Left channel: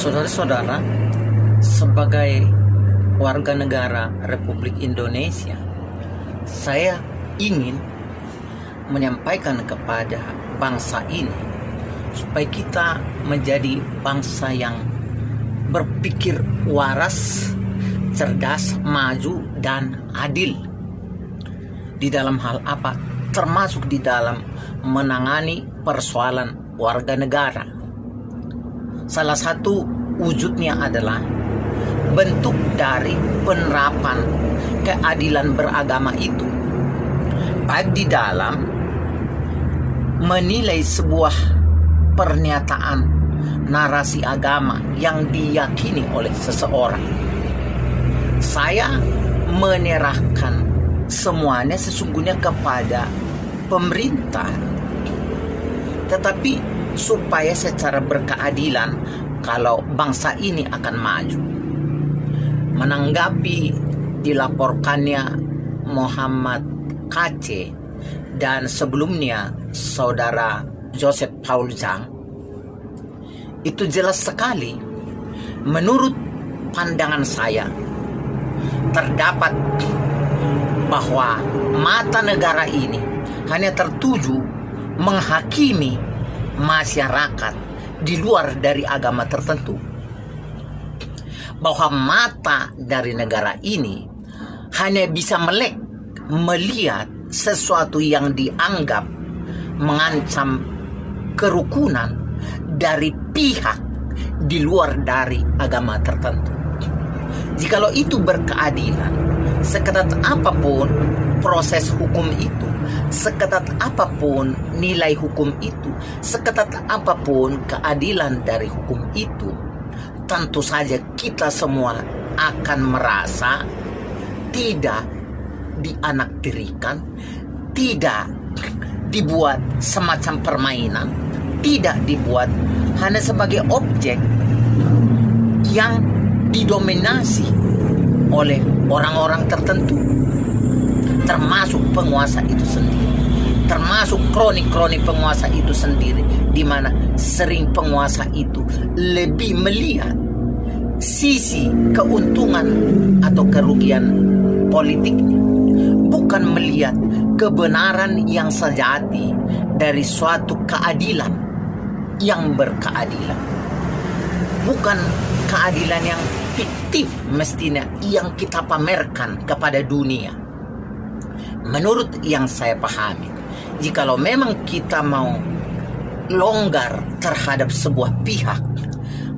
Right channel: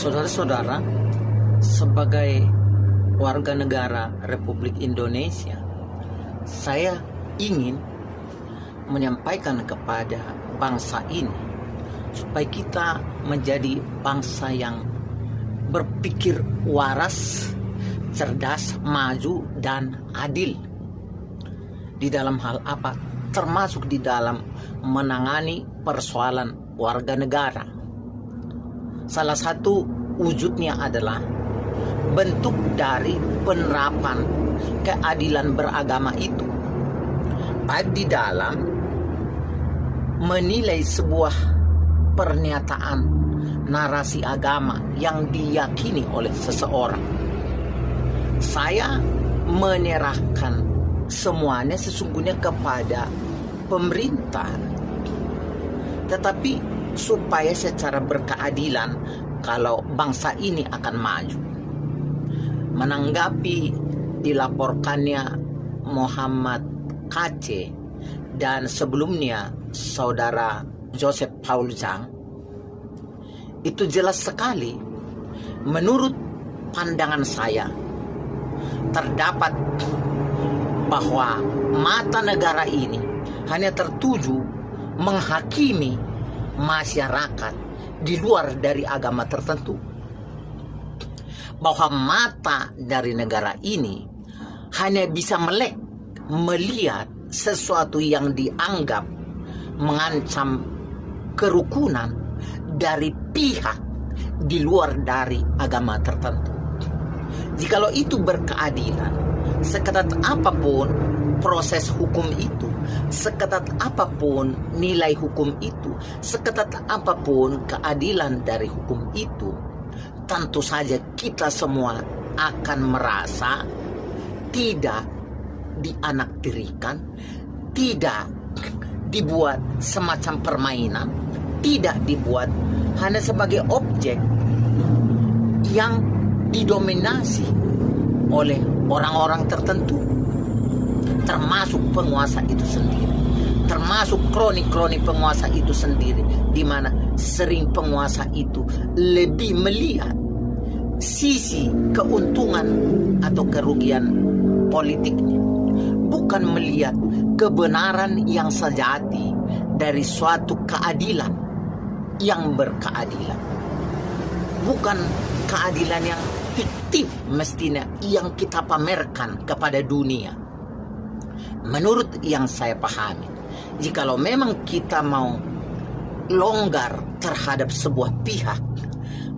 Saudara-saudara, sebagai warga negara Republik Indonesia, saya ingin menyampaikan kepada bangsa ini supaya kita menjadi bangsa yang berpikir waras, cerdas, maju, dan adil di dalam hal apa? Termasuk di dalam menangani persoalan warga negara. Salah satu wujudnya adalah bentuk dari penerapan keadilan beragama itu, baik di dalam menilai sebuah pernyataan narasi agama yang diyakini oleh seseorang. Saya menyerahkan semuanya sesungguhnya kepada pemerintah, tetapi supaya secara berkeadilan kalau bangsa ini akan maju. Menanggapi dilaporkannya Muhammad KC dan sebelumnya saudara Joseph Paul Zhang, itu jelas sekali menurut pandangan saya terdapat bahwa mata negara ini hanya tertuju menghakimi masyarakat di luar dari agama tertentu, bahwa mata dari negara ini hanya bisa melihat sesuatu yang dianggap mengancam kerukunan dari pihak di luar dari agama tertentu. Jikalau itu berkeadilan, seketat apapun proses hukum itu, seketat apapun nilai hukum itu, seketat apapun keadilan dari hukum itu, tentu saja kita semua akan merasa tidak dianaktirikan, tidak dibuat semacam permainan, tidak dibuat hanya sebagai objek yang didominasi oleh orang-orang tertentu, termasuk penguasa itu sendiri, termasuk kroni-kroni penguasa itu sendiri, di mana sering penguasa itu lebih melihat sisi keuntungan atau kerugian politiknya, bukan melihat kebenaran yang sejati dari suatu keadilan yang berkeadilan, bukan keadilan yang fiktif mestinya yang kita pamerkan kepada dunia. Menurut yang saya pahami, jikalau memang kita mau longgar terhadap sebuah pihak,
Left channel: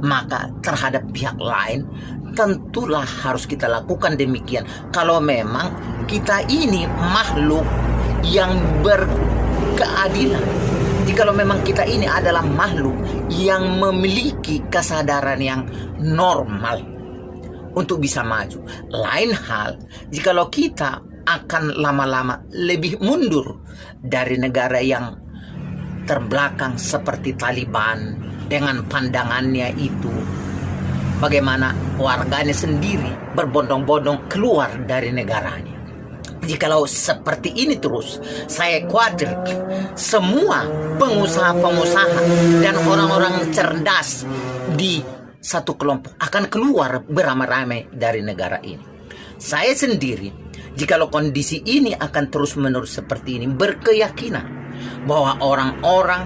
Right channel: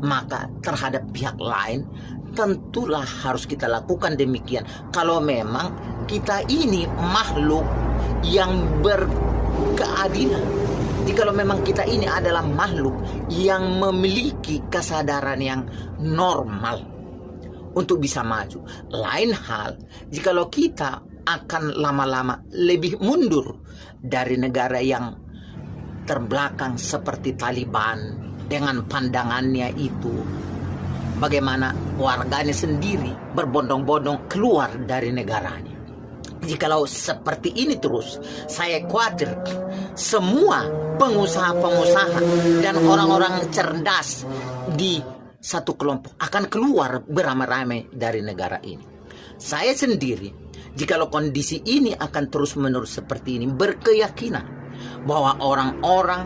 maka terhadap pihak lain tentulah harus kita lakukan demikian. Kalau memang kita ini makhluk yang berkeadilan, jikalau memang kita ini adalah makhluk yang memiliki kesadaran yang normal untuk bisa maju. Lain hal jikalau kita akan lama-lama lebih mundur dari negara yang terbelakang seperti Taliban dengan pandangannya itu, bagaimana warganya sendiri berbondong-bondong keluar dari negaranya. Jikalau seperti ini terus, saya khawatir semua pengusaha-pengusaha dan orang-orang cerdas di satu kelompok akan keluar beramai-ramai dari negara ini. Saya sendiri, jikalau kondisi ini akan terus-menerus seperti ini, berkeyakinan bahwa orang-orang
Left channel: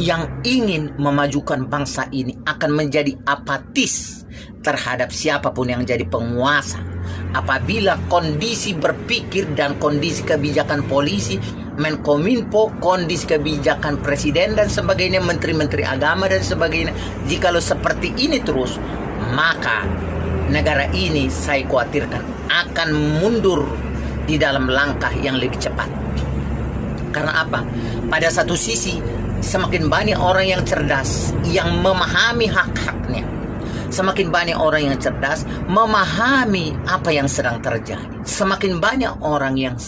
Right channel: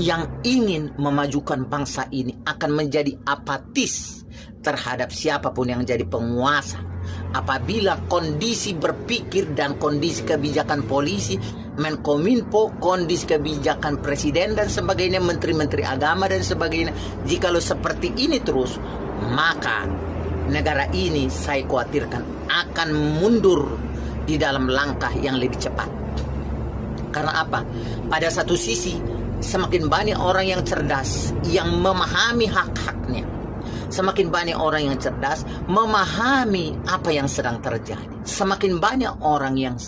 yang ingin memajukan bangsa ini akan menjadi apatis terhadap siapapun yang jadi penguasa. Apabila kondisi berpikir dan kondisi kebijakan polisi, Menkominfo, kondisi kebijakan presiden dan sebagainya, menteri-menteri agama dan sebagainya, jikalau seperti ini terus, maka negara ini saya khawatirkan akan mundur di dalam langkah yang lebih cepat. Karena apa? Pada satu sisi, semakin banyak orang yang cerdas yang memahami hak-haknya, semakin banyak orang yang cerdas memahami apa yang sedang terjadi. Semakin banyak orang yang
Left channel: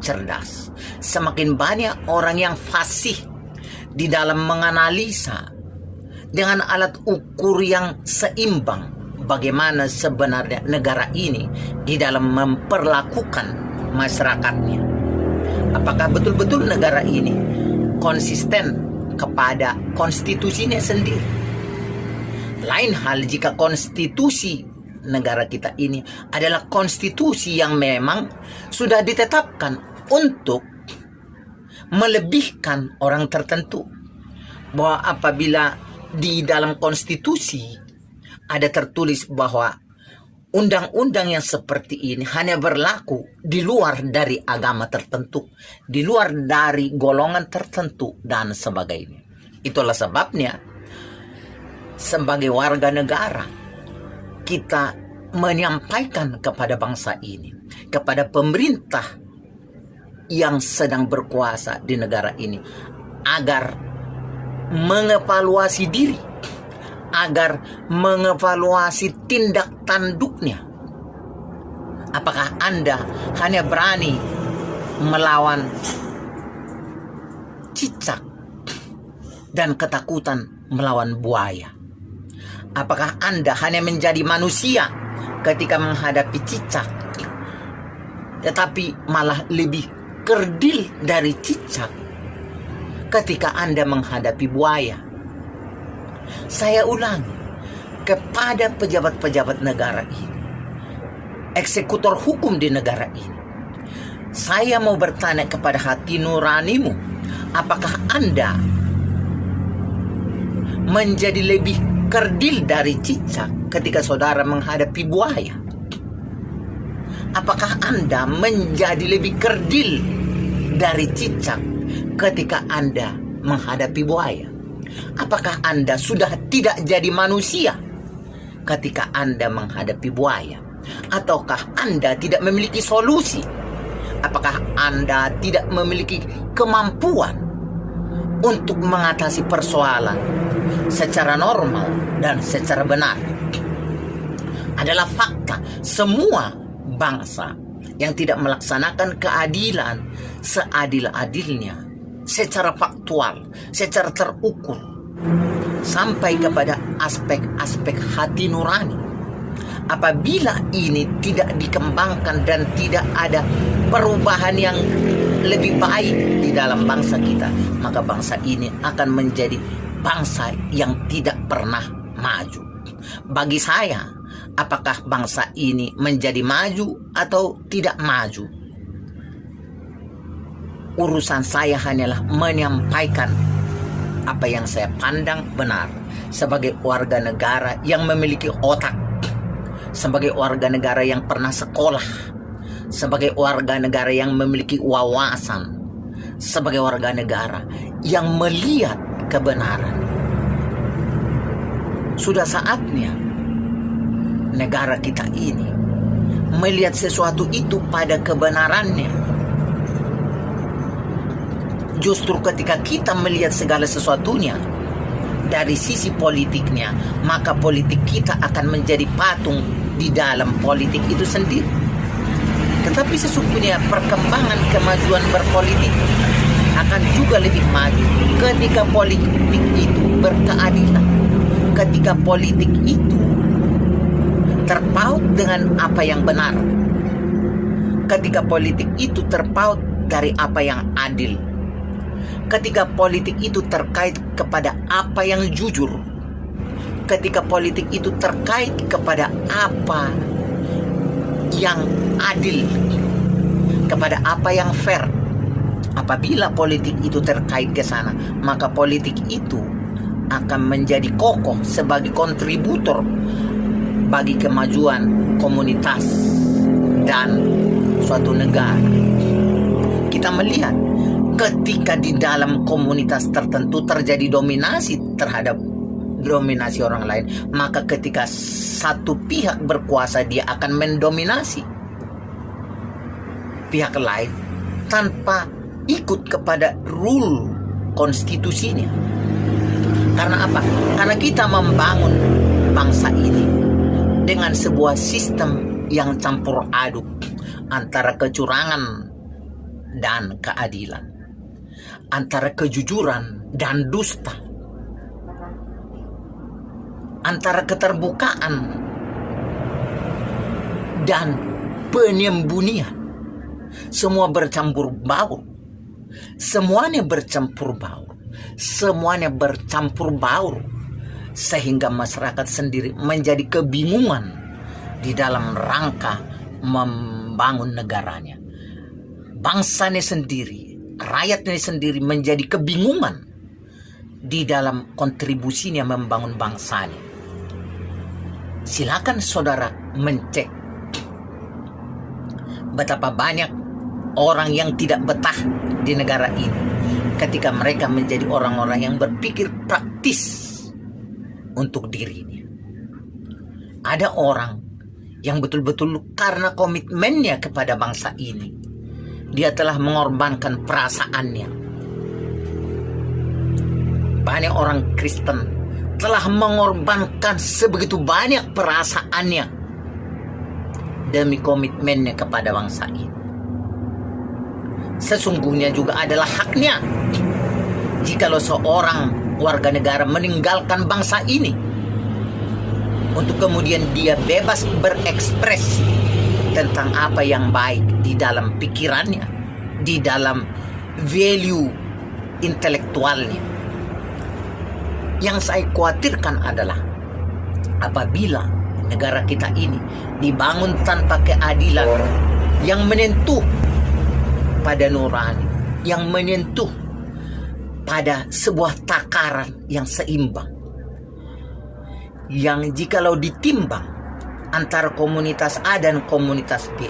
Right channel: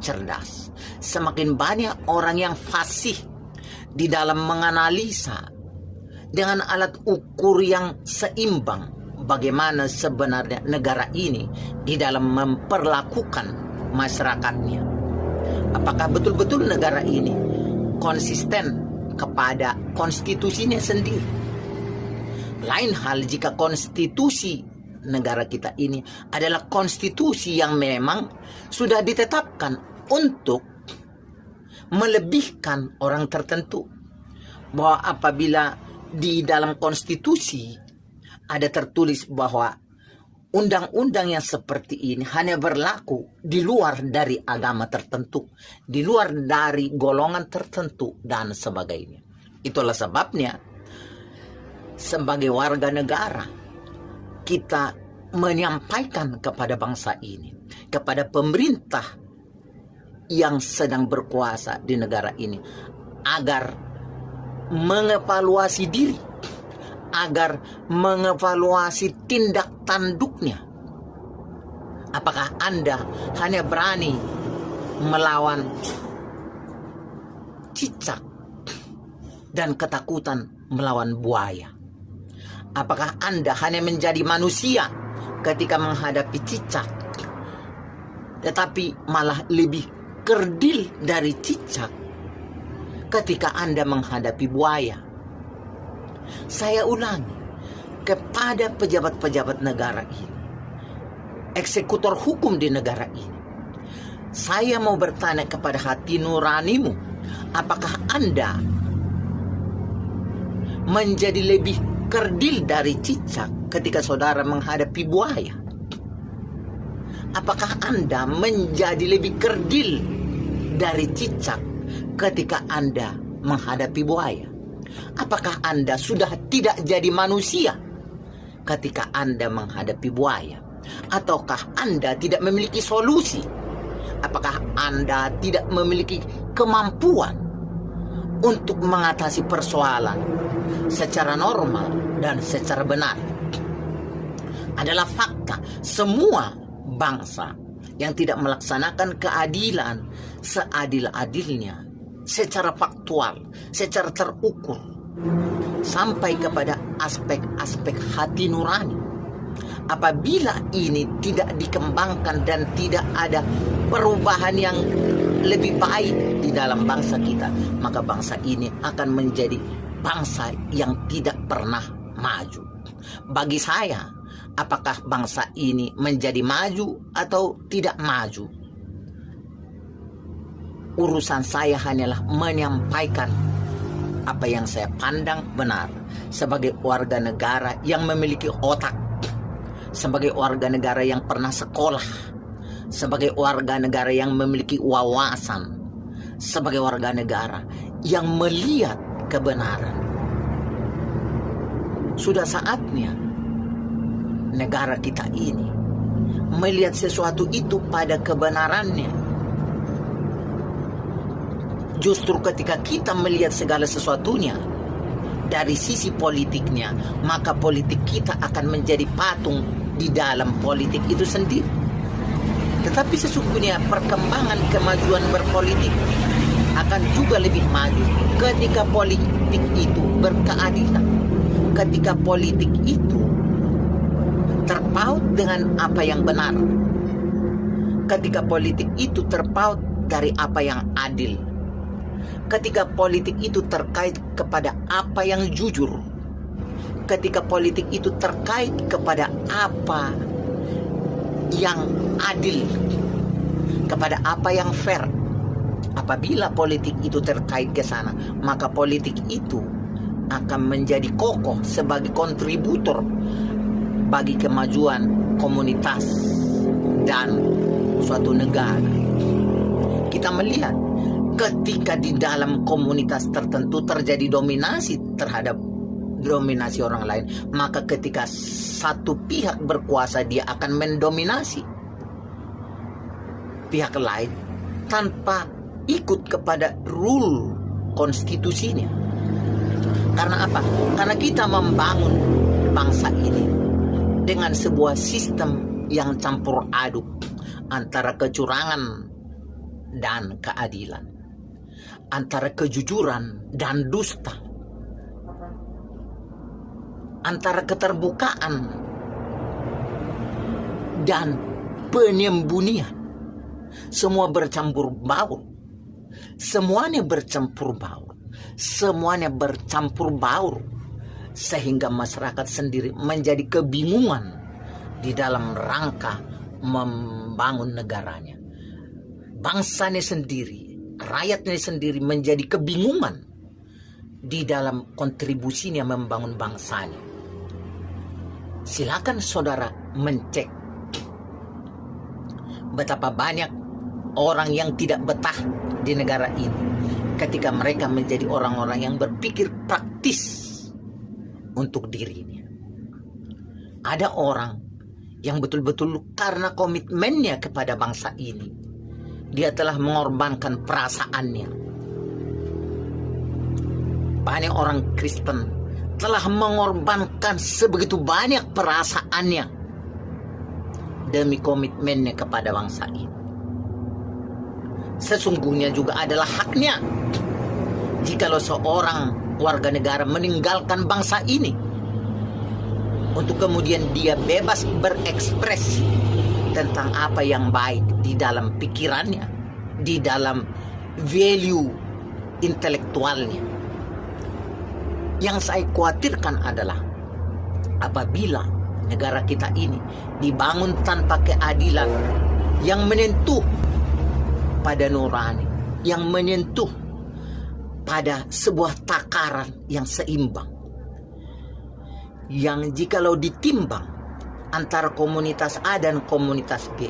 cerdas, semakin banyak orang yang fasih di dalam menganalisa dengan alat ukur yang seimbang bagaimana sebenarnya negara ini di dalam memperlakukan masyarakatnya. Apakah betul-betul negara ini konsisten kepada konstitusinya sendiri? Lain hal jika konstitusi negara kita ini adalah konstitusi yang memang sudah ditetapkan untuk melebihkan orang tertentu. Bahwa apabila di dalam konstitusi ada tertulis bahwa undang-undang yang seperti ini hanya berlaku di luar dari agama tertentu, di luar dari golongan tertentu, dan sebagainya. Itulah sebabnya sebagai warga negara kita menyampaikan kepada bangsa ini, kepada pemerintah yang sedang berkuasa di negara ini, agar mengevaluasi diri, agar mengevaluasi tindak tanduknya. Apakah Anda hanya berani melawan cicak dan ketakutan melawan buaya? Apakah Anda hanya menjadi manusia ketika menghadapi cicak, tetapi malah lebih kerdil dari cicak ketika Anda menghadapi buaya? Saya ulang kepada pejabat-pejabat negara ini, eksekutor hukum di negara ini, saya mau bertanya kepada hati nuranimu, apakah Anda menjadi lebih kerdil dari cicak ketika saudara menghadapi buaya? Apakah Anda menjadi lebih kerdil dari cicak ketika Anda menghadapi buaya? Apakah Anda sudah tidak jadi manusia ketika Anda menghadapi buaya? Ataukah Anda tidak memiliki solusi? Apakah Anda tidak memiliki kemampuan untuk mengatasi persoalan secara normal dan secara benar? Adalah fakta, semua bangsa yang tidak melaksanakan keadilan seadil-adilnya, secara faktual, secara terukur, sampai kepada aspek-aspek hati nurani, apabila ini tidak dikembangkan dan tidak ada perubahan yang lebih baik di dalam bangsa kita, maka bangsa ini akan menjadi bangsa yang tidak pernah maju. Bagi saya, apakah bangsa ini menjadi maju atau tidak maju, urusan saya hanyalah menyampaikan apa yang saya pandang benar sebagai warga negara yang memiliki otak, sebagai warga negara yang pernah sekolah, sebagai warga negara yang memiliki wawasan, sebagai warga negara yang melihat kebenaran. Sudah saatnya negara kita ini melihat sesuatu itu pada kebenarannya. Justru ketika kita melihat segala sesuatunya dari sisi politiknya, maka politik kita akan menjadi patung di dalam politik itu sendiri. Tetapi sesungguhnya perkembangan kemajuan berpolitik akan juga lebih maju ketika politik itu berkeadilan, ketika politik itu terpaut dengan apa yang benar, ketika politik itu terpaut dari apa yang adil, ketika politik itu terkait kepada apa yang jujur, ketika politik itu terkait kepada apa yang adil, kepada apa yang fair. Apabila politik itu terkait ke sana, maka politik itu akan menjadi kokoh sebagai kontributor bagi kemajuan komunitas dan suatu negara. Kita melihat ketika di dalam komunitas tertentu terjadi dominasi terhadap dominasi orang lain, maka ketika satu pihak berkuasa, dia akan mendominasi pihak lain tanpa ikut kepada rule konstitusinya. Karena apa? Karena kita membangun bangsa ini dengan sebuah sistem yang campur aduk antara kecurangan dan keadilan, antara kejujuran dan dusta, antara keterbukaan dan penyembunyian. Semua bercampur baur. Semuanya bercampur baur. Semuanya bercampur baur sehingga masyarakat sendiri menjadi kebingungan di dalam rangka membangun negaranya. Bangsanya sendiri, rakyatnya sendiri menjadi kebingungan di dalam kontribusinya membangun bangsanya. Silakan saudara mencek betapa banyak orang yang tidak betah di negara ini ketika mereka menjadi orang-orang yang berpikir praktis untuk dirinya. Ada orang yang betul-betul karena komitmennya kepada bangsa ini, dia telah mengorbankan perasaannya. Banyak orang Kristen telah mengorbankan sebegitu banyak perasaannya demi komitmennya kepada bangsa ini. Sesungguhnya juga adalah haknya jikalau seorang warga negara meninggalkan bangsa ini untuk kemudian dia bebas berekspresi tentang apa yang baik di dalam pikirannya, di dalam value intelektualnya. Yang saya khawatirkan adalah apabila negara kita ini dibangun tanpa keadilan yang menyentuh pada nurani, yang menyentuh pada sebuah takaran yang seimbang, yang jikalau ditimbang antara komunitas A dan komunitas B,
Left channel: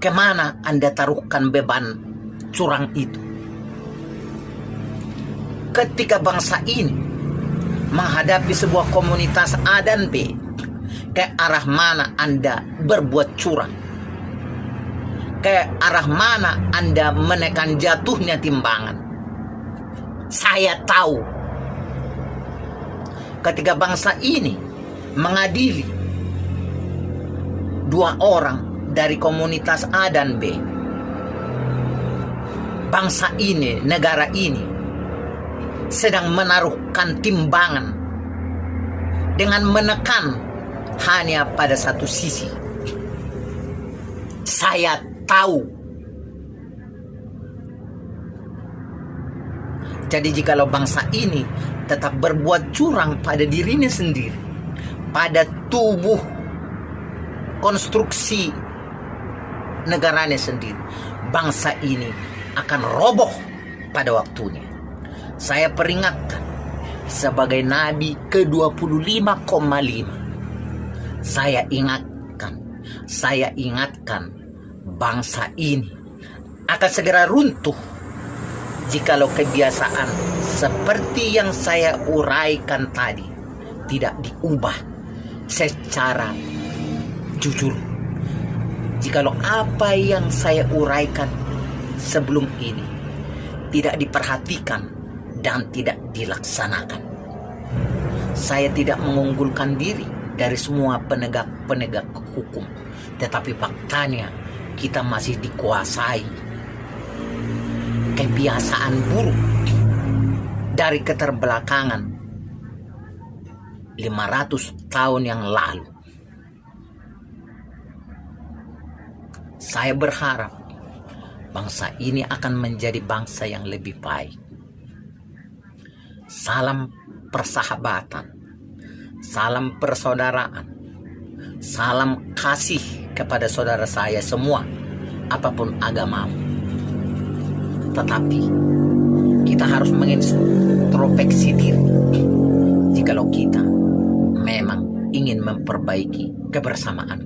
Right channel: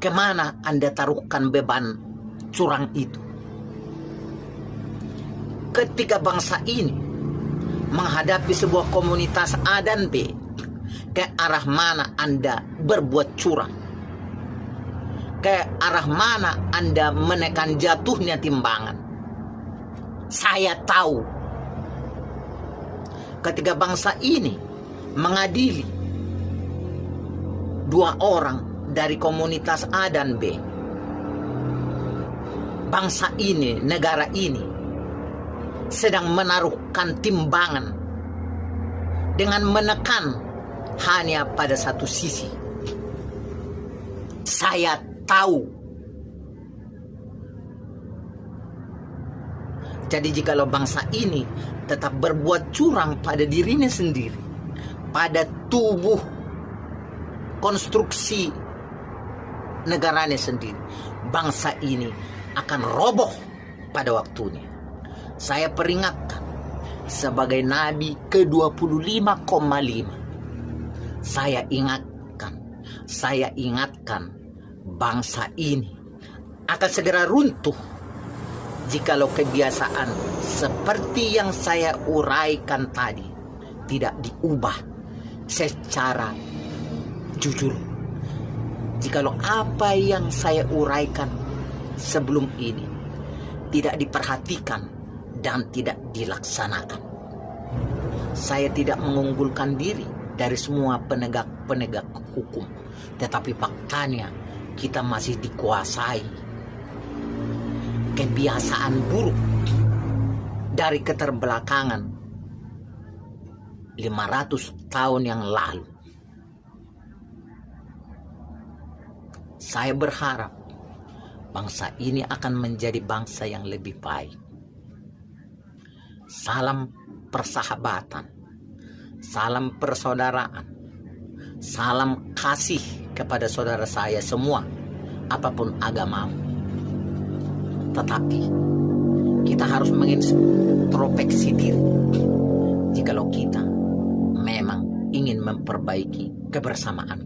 kemana Anda taruhkan beban curang itu? Ketika bangsa ini menghadapi sebuah komunitas A dan B, ke arah mana Anda berbuat curang? Ke arah mana Anda menekan jatuhnya timbangan? Saya tahu ketika bangsa ini mengadili dua orang dari komunitas A dan B, bangsa ini, negara ini sedang menaruhkan timbangan dengan menekan hanya pada satu sisi. Saya tahu. Jadi jikalau bangsa ini tetap berbuat curang pada dirinya sendiri, pada tubuh konstruksi negaranya sendiri, bangsa ini akan roboh pada waktunya. Saya peringatkan sebagai Nabi ke-25,5. Saya ingatkan bangsa ini akan segera runtuh jikalau kebiasaan seperti yang saya uraikan tadi tidak diubah secara jujur. Jikalau apa yang saya uraikan sebelum ini tidak diperhatikan dan tidak dilaksanakan, saya tidak mengunggulkan diri dari semua penegak hukum, tetapi faktanya kita masih dikuasai kebiasaan buruk dari keterbelakangan 500 tahun yang lalu. Saya berharap bangsa ini akan menjadi bangsa yang lebih baik. Salam persahabatan, salam persaudaraan, salam kasih kepada saudara saya semua, apapun agamamu. Tetapi kita harus mengintrospeksi diri jikalau kita memang ingin memperbaiki kebersamaan